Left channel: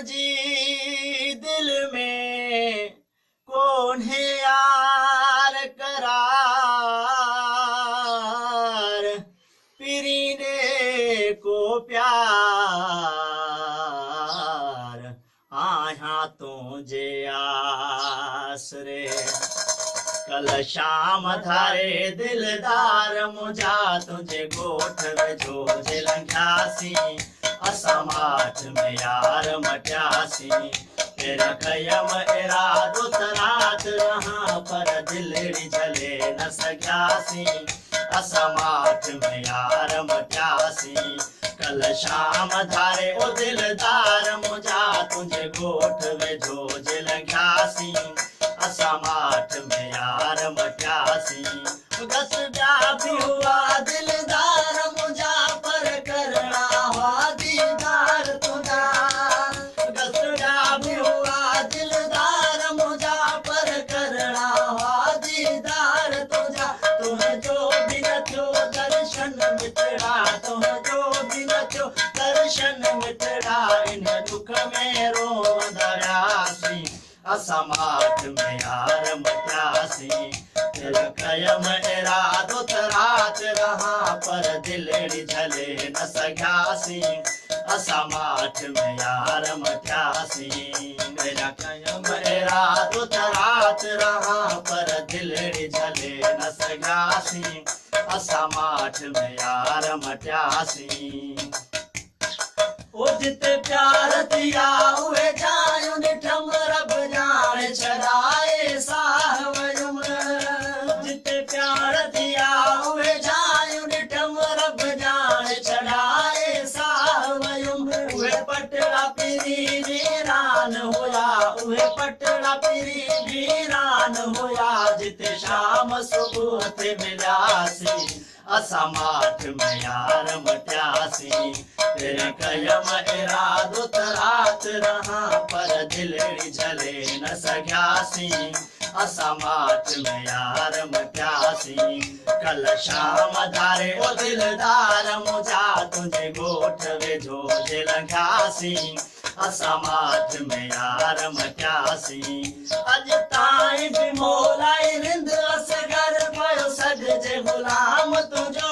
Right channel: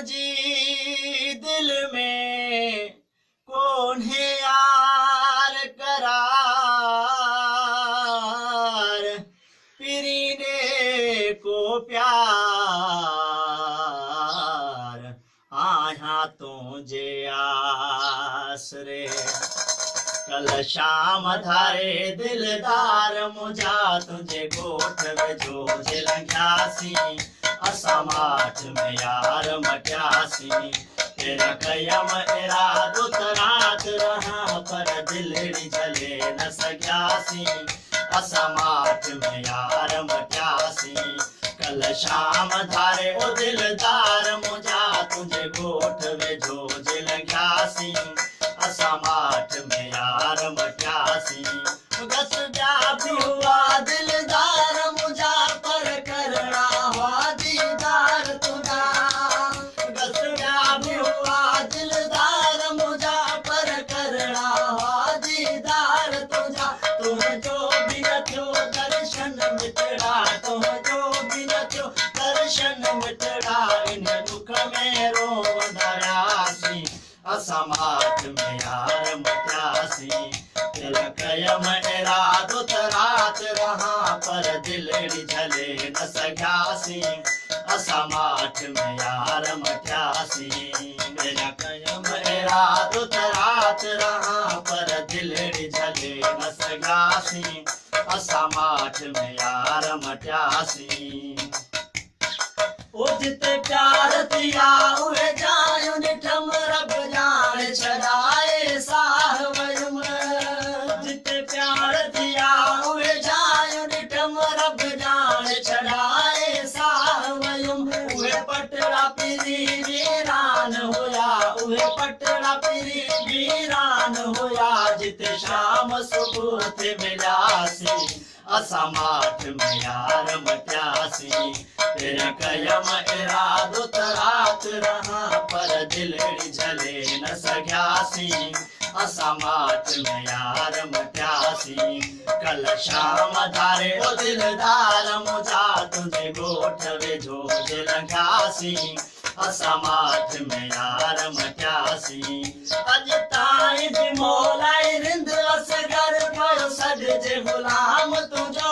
तुझी दिल में कौन है यार करार, पीरीने को प्यार आया तुझे आसरे। कल शाम थारे दिलदार मुझा तुझे गोठ जो लंघ्यासी, असा माठ में यार मटियासी। फिर कयम इरादो तरात रहा पर दिलड़ी झले न सघियासी, असा माठ में यार मटियासी। कल शाम धारे ओ दिलदार मुझा तुझे गोठ वेझो लंघ्यासी, असा माठ में यार मटियासी। गस जा हुआ दिलदार मुझा पर करना हुआ दीदार तुझा, गस जा हुआ दिलदार मुझा पर करना हुआ दीदार तुझा। तुम जो भी न थियो दर्शन मिटड़ा, तुम जो भी न थियो दर्शन मिटड़ा, इन दुख में रोवंदासी, असा माठ में यार मटियासी। दिल कयम इरादो तरात रहा पर दिलड़ी झले न सघियासी, असा माठ में यार मटियासी। दिल कयम इरादो तरात रहा पर दिलड़ी झले न सघियासी, असा माठ में यार मटियासी। ओ जिते प्यार दिया उहे जायो निठम रब जान छड़ाए साह वयुम, जिते प्यार दिया उहे जायो निठम रब जान छड़ाए साह वयुम। उहे पटड़ा पीरी वीरान हुया, उहे पटड़ा पीरी वीरान हुया, जिते शाम सुबह थे मिलियासी, असा माठ में यार मटियासी। फिर कयम इरादो तरात रहा पर दिलड़ी झले न सघियासी, असा माठ में यार मटियासी। कल शाम धारे ओ दिलदार मुझा तुझे गोठ वेझो लंघियासी, असा माठ में यार मटियासी। अज ताईं भी मोलाई रिंद असगर पयो सॾ जे गुलाम तुझो